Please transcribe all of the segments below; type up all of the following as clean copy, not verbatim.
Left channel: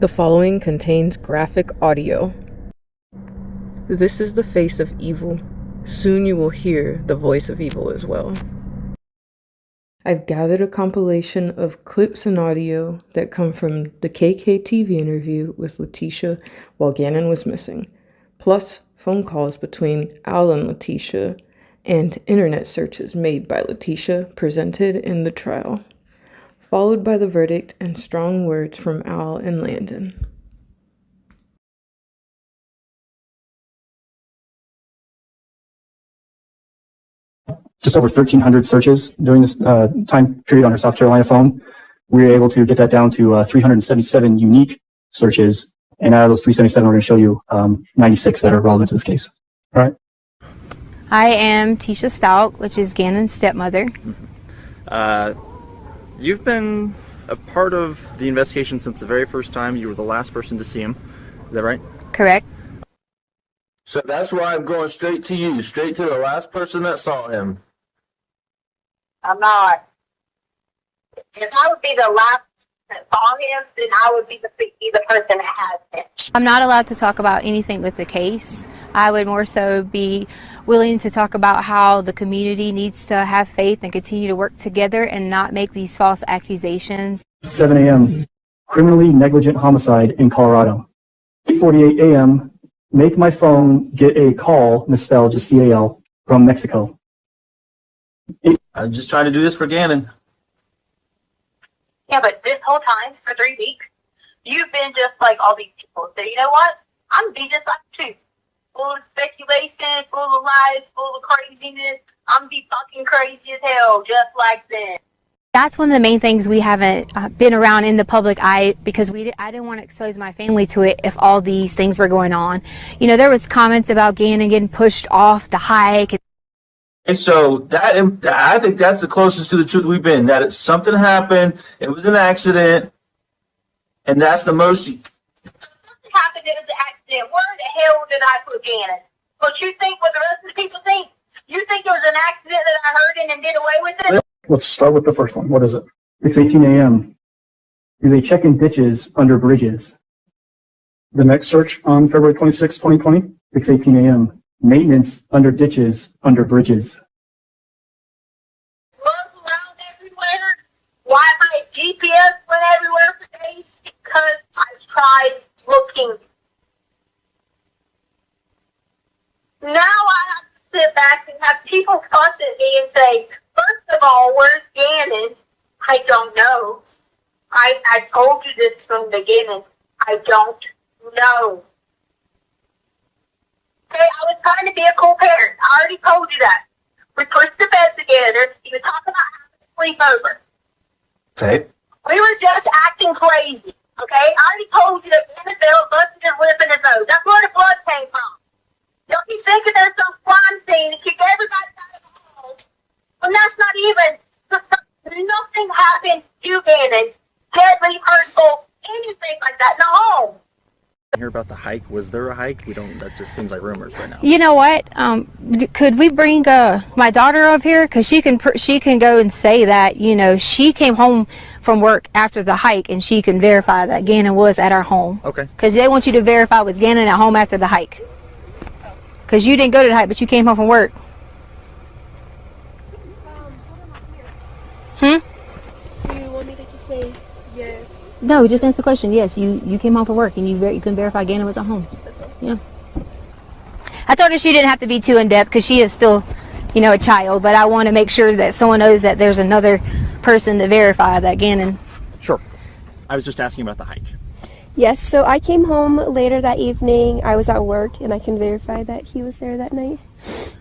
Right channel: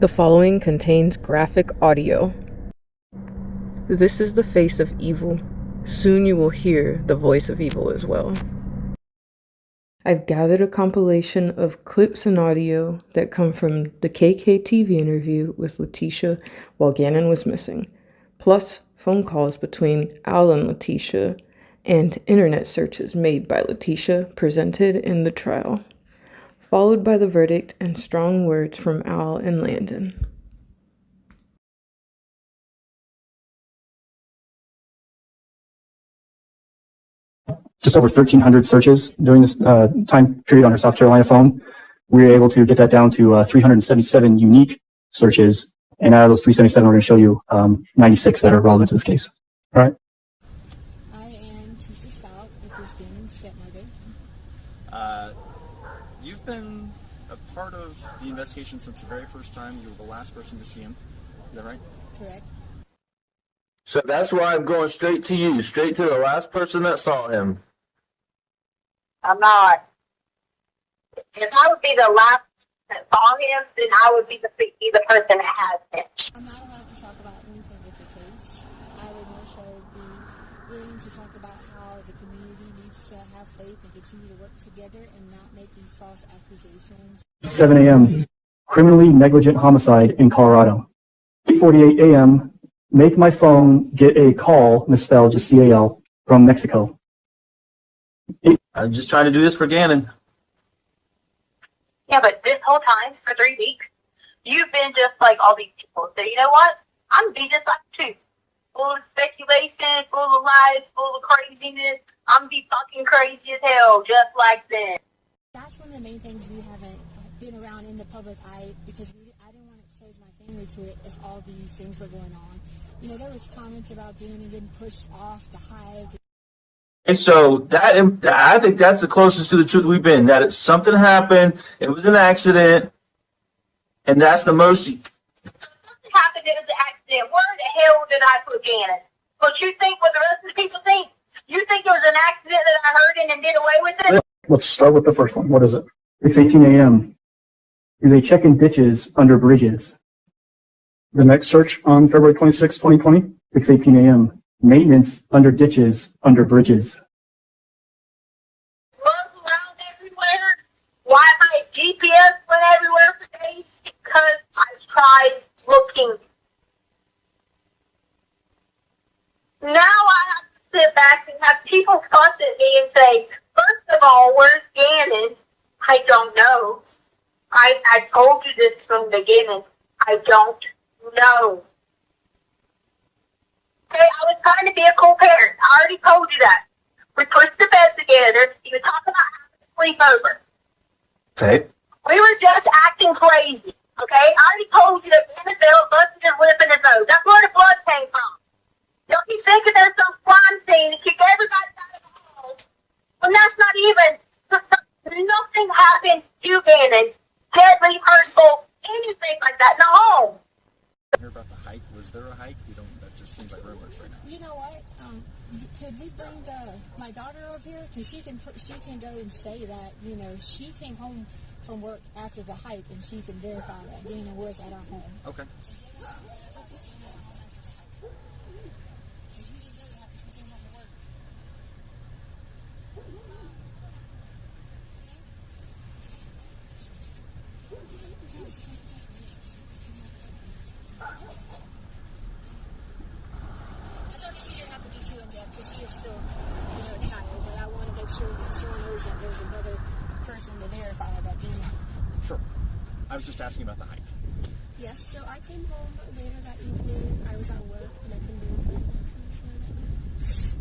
The following contains graphic audio. This is the face of evil. Soon you will hear the voice of evil as well. I've gathered a compilation of clips and audio that come from the KKtv interview with Letecia while Gannon was missing, plus phone calls between Al and Letecia, and internet searches made by Letecia presented in the trial, followed by the verdict and strong words from Al and Landon. Just over 1,300 searches during this time period on her South Carolina phone. We were able to get that down to 377 unique searches. And out of those 377, we're going to show you 96 that are relevant to this case. All right. I am Letecia Stauch, which is Gannon's stepmother. You've been a part of the investigation since the very first time. You were the last person to see him. Is that right? Correct. So that's why I'm going straight to you, straight to the last person that saw him. I'm not. If I would be the last that saw him, then I would be the person that has him. I'm not allowed to talk about anything with the case. I would more so be willing to talk about how the community needs to have faith and continue to work together and not make these false accusations. 7 a.m. Criminally negligent homicide in Colorado. 8:48 a.m. Make my phone get a call, misspelled just C-A-L, from Mexico. I'm just trying to do this for Gannon. Yeah, but this whole time, for 3 weeks, you've been just like all these people. So you know what? I'm going to be just like you. Full of speculation, full of lies, full of craziness. I'm going to be fucking crazy as hell, just like them. That's one of the main things we haven't been around in the public eye because I didn't want to expose my family to it if all these things were going on. You know, there was comments about Gannon getting pushed off the hike. And so I think that's the closest to the truth we've been. That something happened, it was an accident, and that's the most. Something happened, it was an accident. Where the hell did I put Gannon? What you think, what the rest of the people think? You think it was an accident that I heard him and did away with it? Let's start with the first one. What is it? 6:18 a.m. Is a chicken ditches under bridges. The next search on February 26, 2020, 6:18 a.m. Maintenance under ditches under bridges. Moms around everywhere. Why my GPS went everywhere today? Because I tried looking. Now I have to sit back and have people talk to me and say, first of all, where's Gannon? I don't know. I told you this from the beginning. I don't know. Okay, I was trying to be a cool parent. I already told you that. We pushed the bed together. You told me to sleep over. Okay. We were just acting crazy. Okay? I already told you that Gannon fell busting his lip in his nose. That's where the blood came from. Don't you think that there's some crime scene that kick everybody out of the house? And that's not even, nothing happened to Gannon, deadly, hurtful, anything like that in the home. Hear about the hike? Was there a hike? That just seems like rumors right now. You know what? Could we bring my daughter up here? Because she can go and say that, you know, she came home from work after the hike and she can verify that Gannon was at our home. Okay. Because they want you to verify was Gannon at home after the hike. Because you didn't go to the hike, but you came home from work. Do you want me to just say yes? No, just answer the question. Yes, you came home from work and you can verify Gannon was at home. Yeah. I told her she didn't have to be too in-depth because she is still, you know, a child, but I want to make sure that someone knows that there's another person to verify that Gannon. Sure. I was just asking about the hike. Yes, so I came home later that evening. I was at work and I can verify that he was there that night.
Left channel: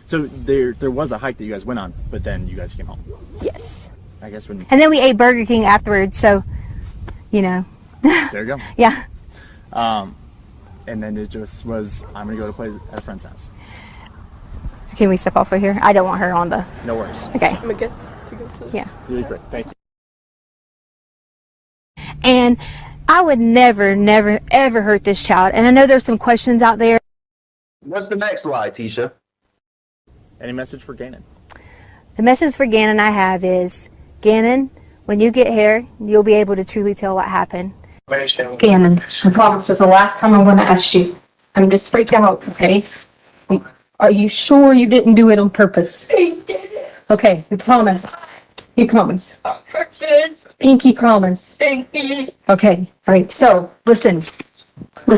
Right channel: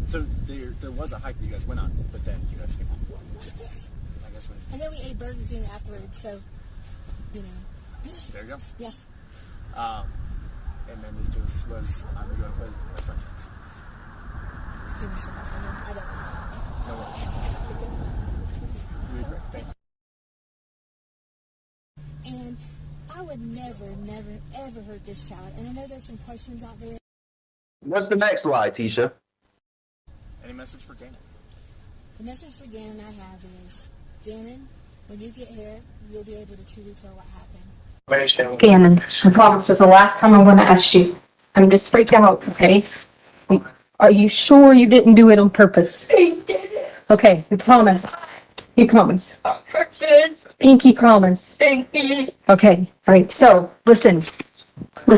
So there was a hike that you guys went on, but then you guys came home. Yes. I guess when. And then we ate Burger King afterwards, so, you know. There you go. Yeah. And then it just was, I'm going to go to play at a friend's house. Can we step off of here? I don't want her on the... No worries. Okay. I'm good to go. Yeah. Really great. Thank you. And I would never, never, ever hurt this child. And I know there's some questions out there. What's the next lie, Letecia? Any message for Gannon? The message for Gannon I have is, Gannon, when you get here, you'll be able to truly tell what happened. Gannon, I promise this is the last time I'm gonna ask you. I'm just freaked out, okay? Are you sure you didn't do it on purpose? I did it. Okay, you promise. You promise. Pinky promise. Pinky. Okay, all right, so, listen. We're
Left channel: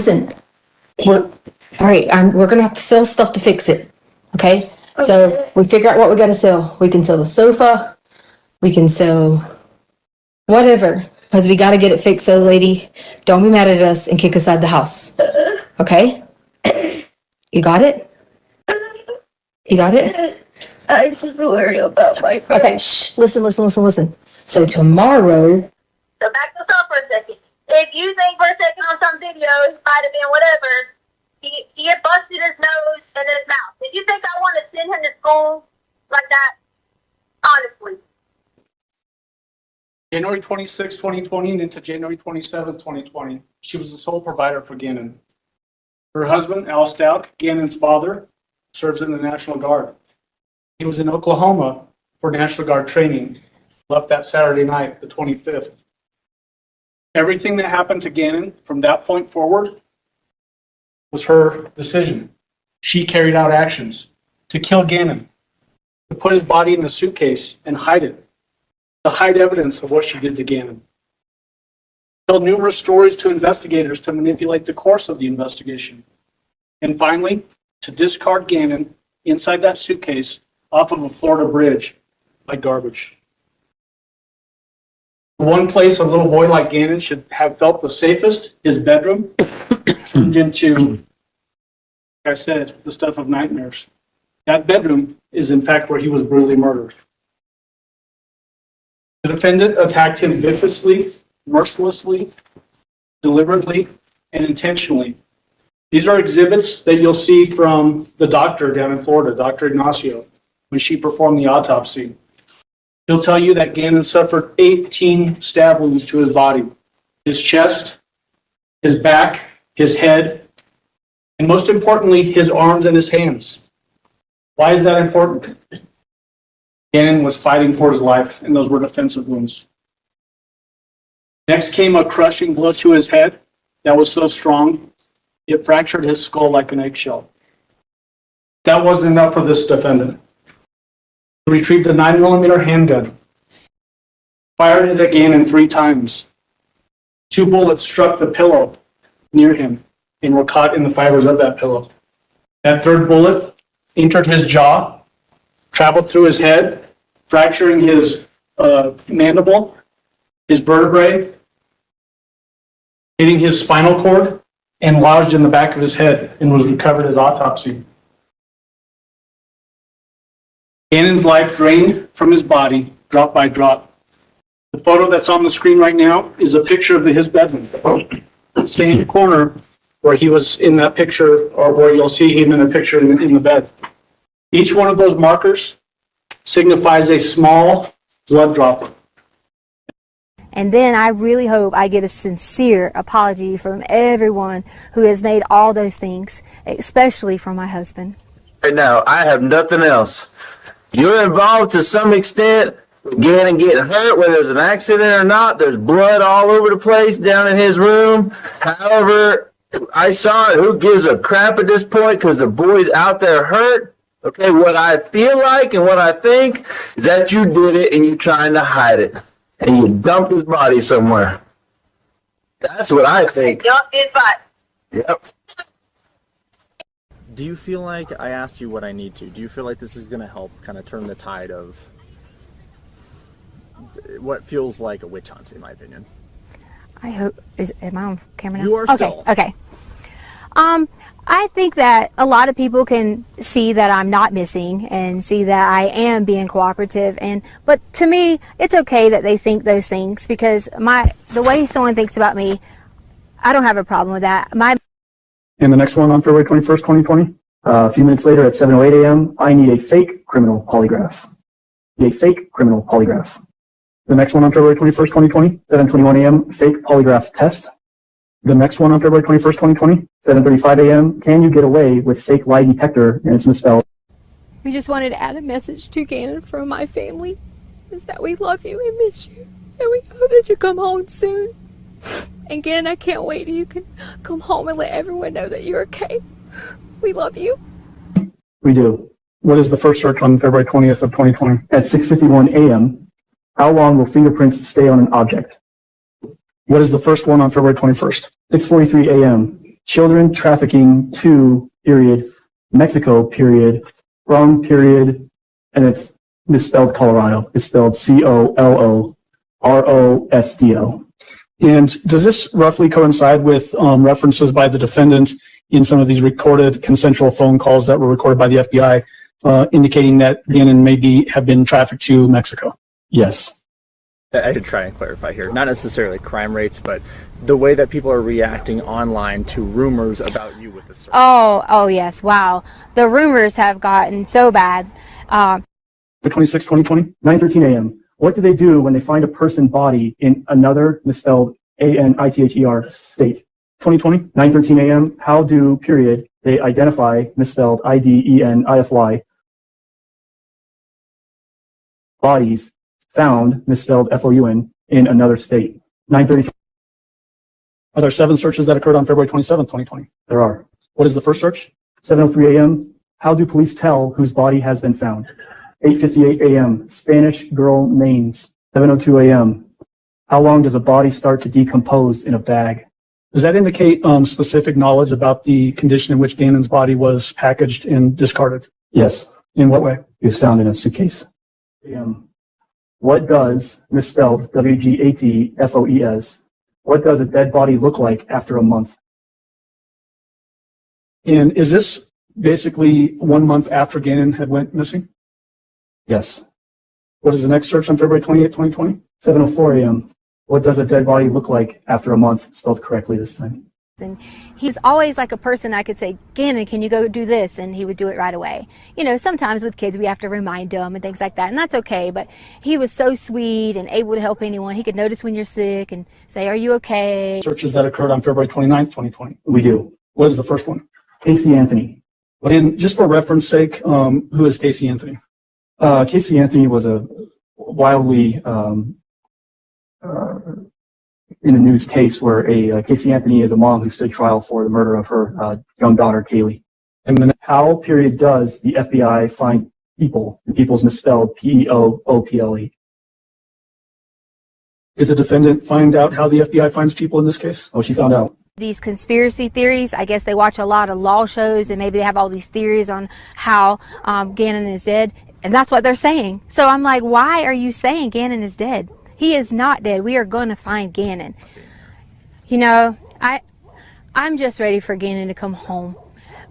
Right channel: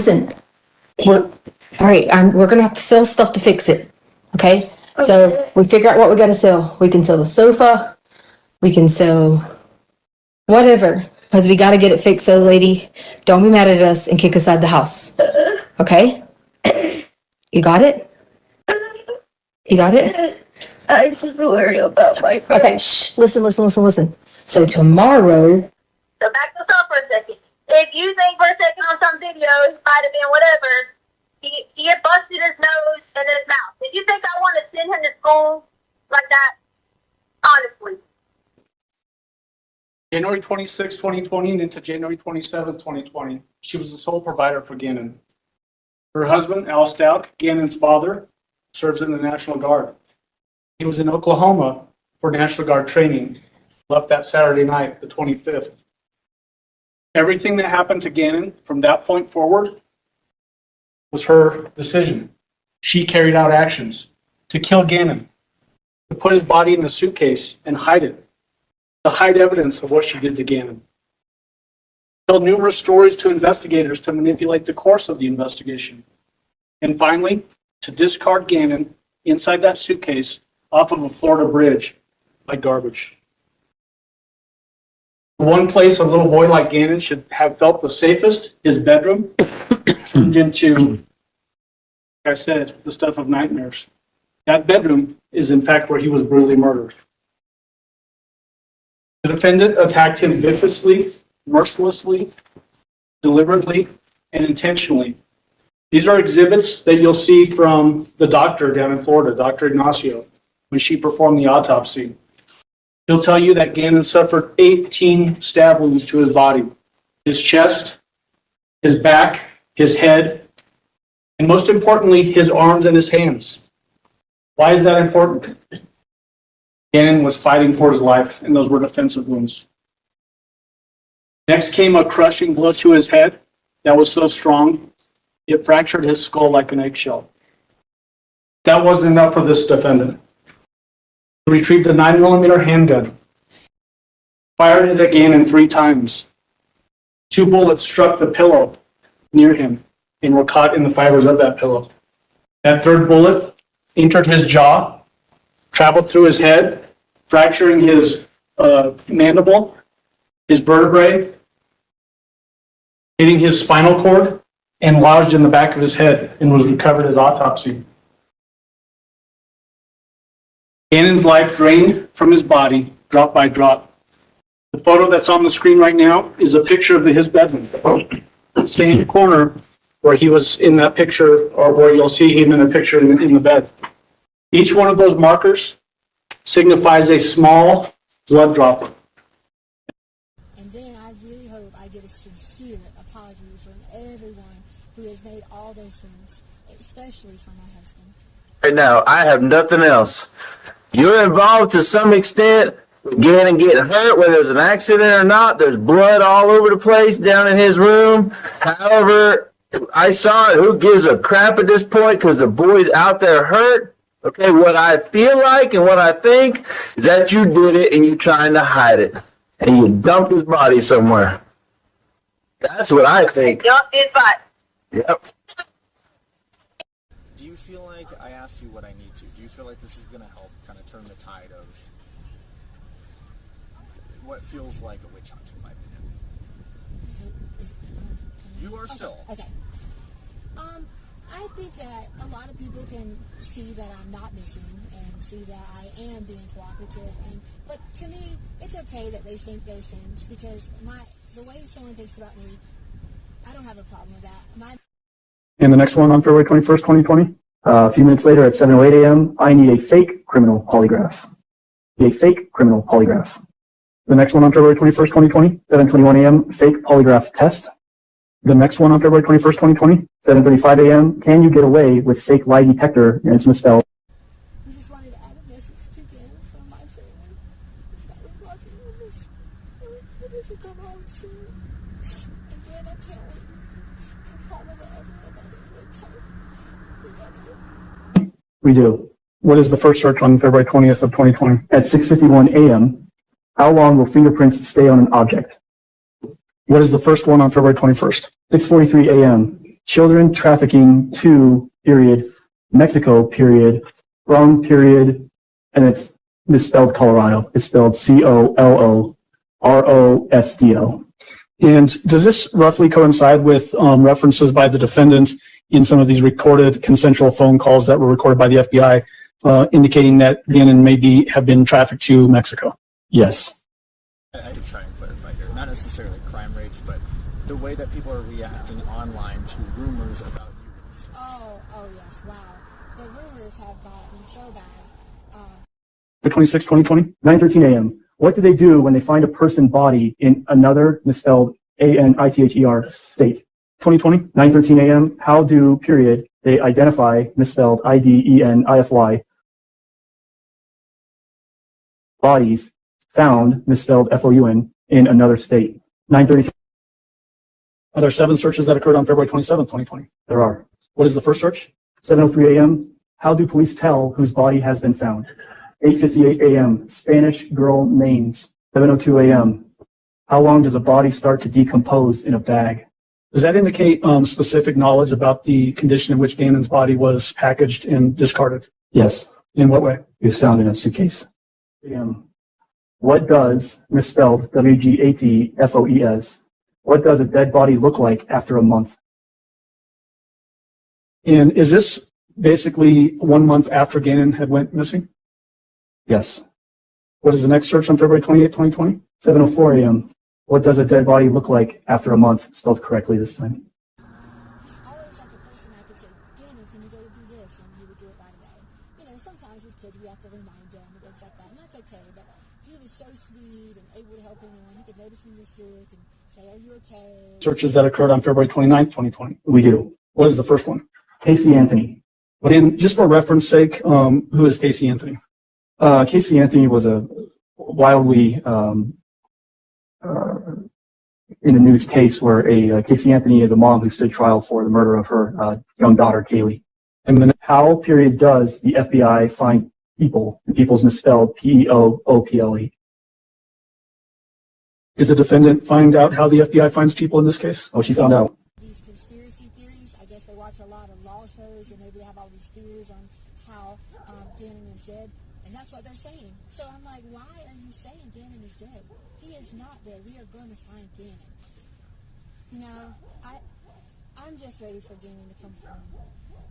gonna have to sell stuff to fix it, okay? So, we figure out what we gotta sell. We can sell the sofa, we can sell whatever, because we gotta get it fixed, so lady, don't be mad at us and kick us out of the house, okay? You got it? You got it? I'm just worried about my friend. Okay, shh, listen. So tomorrow, So back to stuff for a second. If you think for a second on some videos, might have been whatever, he had busted his nose and his mouth. Did you think I want to send him to school like that? Honestly. January 26, 2020, and into January 27, 2020, she was the sole provider for Gannon. Her husband, Al Stauch, Gannon's father, serves in the National Guard. He was in Oklahoma for National Guard training, left that Saturday night, the 25th. Everything that happened to Gannon from that point forward was her decision. She carried out actions to kill Gannon, to put his body in a suitcase and hide it, to hide evidence of what she did to Gannon. Told numerous stories to investigators to manipulate the course of the investigation. And finally, to discard Gannon inside that suitcase off of a Florida bridge like garbage. The one place a little boy like Gannon should have felt the safest, his bedroom, turned into, like I said, the stuff of nightmares. That bedroom is in fact where he was brutally murdered. The defendant attacked him viciously, mercilessly, deliberately, and intentionally. These are exhibits that you'll see from the doctor down in Florida, Dr. Ignacio, when she performed the autopsy. He'll tell you that Gannon suffered 18 stab wounds to his body, his chest, his back, his head, and most importantly, his arms and his hands. Why is that important? Gannon was fighting for his life, and those were defensive wounds. Next came a crushing blow to his head that was so strong, it fractured his skull like an eggshell. That wasn't enough for this defendant. He retrieved a 9mm handgun, fired it at Gannon 3 times. 2 bullets struck the pillow near him and were caught in the fibers of that pillow. That 3rd bullet entered his jaw, traveled through his head, fracturing his mandible, his vertebrae, hitting his spinal cord, and lodged in the back of his head and was recovered at autopsy. Gannon's life drained from his body, drop by drop. The photo that's on the screen right now is a picture of his bedroom. Same corner where he was in that picture, or where you'll see him in a picture in the bed. Each one of those markers signifies a small blood drop. And then I really hope I get a sincere apology from everyone who has made all those things, especially from my husband. Right now, I have nothing else. You're involved to some extent. Gannon getting hurt, whether there's an accident or not. There's blood all over the place down in his room. However, I saw it. Who gives a crap at this point? Because the boy's out there hurt. Okay, what I feel like and what I think is that you did it and you're trying to hide it. And you dumped his body somewhere. That's what I think. Don't get fired. Yep. Do you feel like I asked you what I need to? Do you feel like this is going to help kind of turn the tide of what feels like a witch hunt, in my opinion? I hope, am I on camera now? You are still. Okay. I think that a lot of people can see that I'm not missing and see that I am being cooperative, but to me, it's okay that they think those things, because the way someone thinks about me, I don't have a problem with that. In the next one on February 21st, 2020, a few minutes later at 7:08 a.m., I need a fake criminal polygraph. A fake criminal polygraph. The next one on February 21st, 2020, 7:21 a.m., fake polygraph test. The next one on February 21st, 2020, 7:35 a.m., can you get away with fake lie detector and it's misspelled? We just wanted to add a message to Gannon from my family, is that we love you and miss you, and we hope that you come home soon. And Gannon, I can't wait till you can come home and let everyone know that you're okay. We love you. We do. What is the first search on February 20th of 2020? At 6:51 a.m., how long will fingerprints stay on an object? What is the first one on February 21st? 6:43 a.m. Children trafficking to, period, Mexico, period, from, period, and it's misspelled Colorado. It's spelled Colorosdo. And does this roughly coincide with references by the defendant in some of these recorded consensual phone calls that were recorded by the FBI, indicating that Gannon may have been trafficked to Mexico? Yes. I should try and clarify here. Not necessarily crime rates, but the way that people are reacting online to rumors about you with the search. Oh yes, wow. The rumors have gotten so bad. 26, 2020, 9:13 a.m. What do they do when they find a person body in another misspelled A-N-I-T-H-E-R state? 2020, 9:13 a.m. How do, period, they identify misspelled I-D-E-N-I-F-Y bodies found misspelled F-O-U-N in another state? 9:30. Are there 7 searches that occurred on February 27, 2020? There are. What is the first search? 7:03 a.m. How do police tell whose body has been found? 8:58 a.m. Spanish girl names. 7:02 a.m. How long does a body start to decompose in a bag? Does that indicate specific knowledge about the condition in which Gannon's body was packaged and discarded? Yes. In what way? It was found in a suitcase. What does, misspelled W-G-A-T-F-O-E-S, what does a dead body look like after a month? And is this basically 1 month after Gannon had went missing? Yes. What is the next search on February 28, 2020? 7:04 a.m. What does a dead body look like after a month? Spelled correctly this time. And he's always like a person I could say, Gannon, can you go do this? And he would do it right away. You know, sometimes with kids we have to remind them and things like that, and that's okay. But he was so sweet and able to help anyone. He could notice when you're sick and say, are you okay? Searches that occurred on February 29th, 2020. We do. What is the first one? Casey Anthony. And just for reference sake, who is Casey Anthony? Casey Anthony was a wildly in the news case where Casey Anthony is a mom who stood trial for the murder of her young daughter, Kaylee. And then how, period, does the FBI find people? People's misspelled P-E-O-O-P-L-E. Did the defendant find out how the FBI finds people in this case? Oh, she found out. These conspiracy theories, I guess they watch a lot of law shows and maybe they have all these theories on how Gannon is dead. And that's what they're saying. So I'm like, why are you saying Gannon is dead? He is not dead. We are going to find Gannon. You know, I'm just ready for Gannon to come home.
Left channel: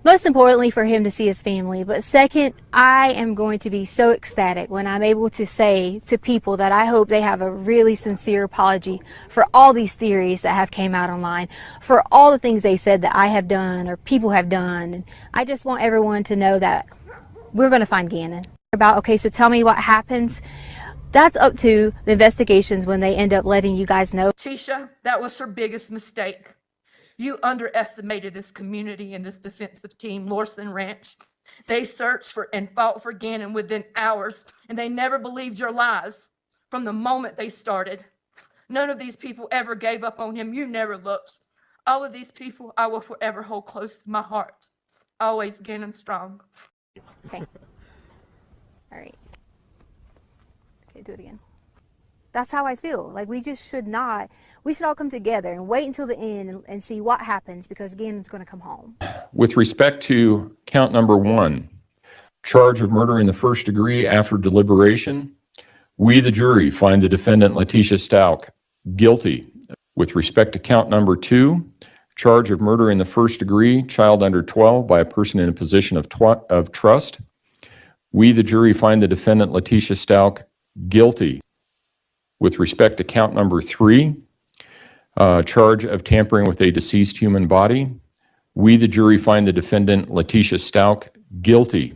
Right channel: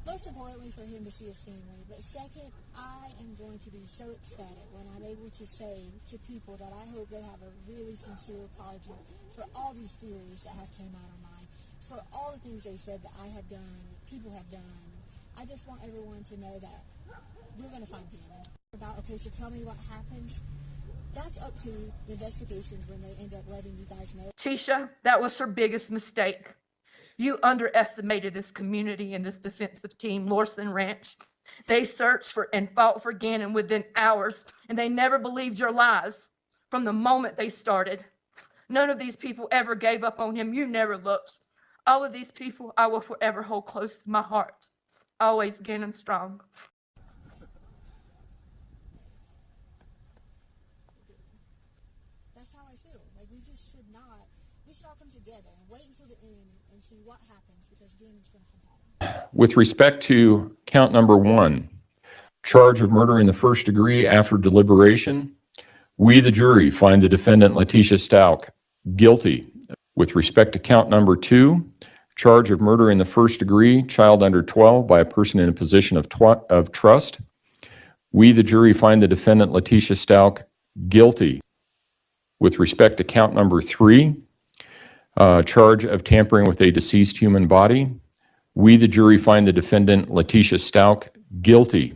Most importantly, for him to see his family. But second, I am going to be so ecstatic when I'm able to say to people that I hope they have a really sincere apology for all these theories that have came out online, for all the things they said that I have done or people have done. And I just want everyone to know that we're going to find Gannon. Okay, so tell me what happens. That's up to the investigations when they end up letting you guys know. Tisha, that was her biggest mistake. You underestimated this community and this defensive team, Lorson Ranch. They searched for and fought for Gannon within hours, and they never believed your lies from the moment they started. None of these people ever gave up on him. You never looked. All of these people I will forever hold close to my heart. Always Gannon strong. Okay. All right. Okay, do it again. That's how I feel. Like we just should not. We should all come together and wait until the end and see what happens, because Gannon's going to come home. With respect to count number 1, charge of murder in the first degree after deliberation, we, the jury, find the defendant Letecia Stauch guilty. With respect to count number 2, charge of murder in the first degree, child under 12 by a person in a position of trust, we, the jury, find the defendant Letecia Stauch guilty. With respect to count number 3, charge of tampering with a deceased human body, we, the jury, find the defendant Letecia Stauch guilty.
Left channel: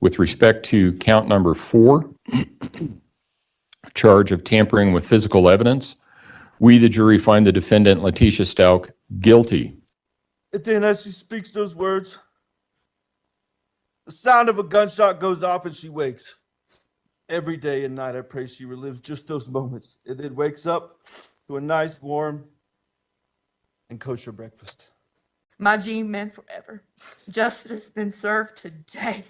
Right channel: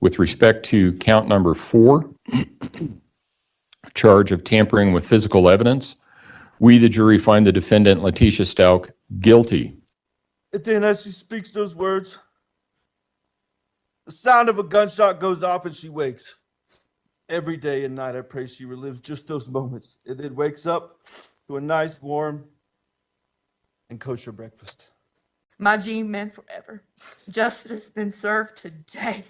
With respect to count number 4, charge of tampering with physical evidence, we, the jury, find the defendant Letecia Stauch guilty. And then as she speaks those words, the sound of a gunshot goes off and she wakes. Every day and night I pray she relives just those moments and then wakes up to a nice, warm, and kosher breakfast. My G men forever. Justice been served today.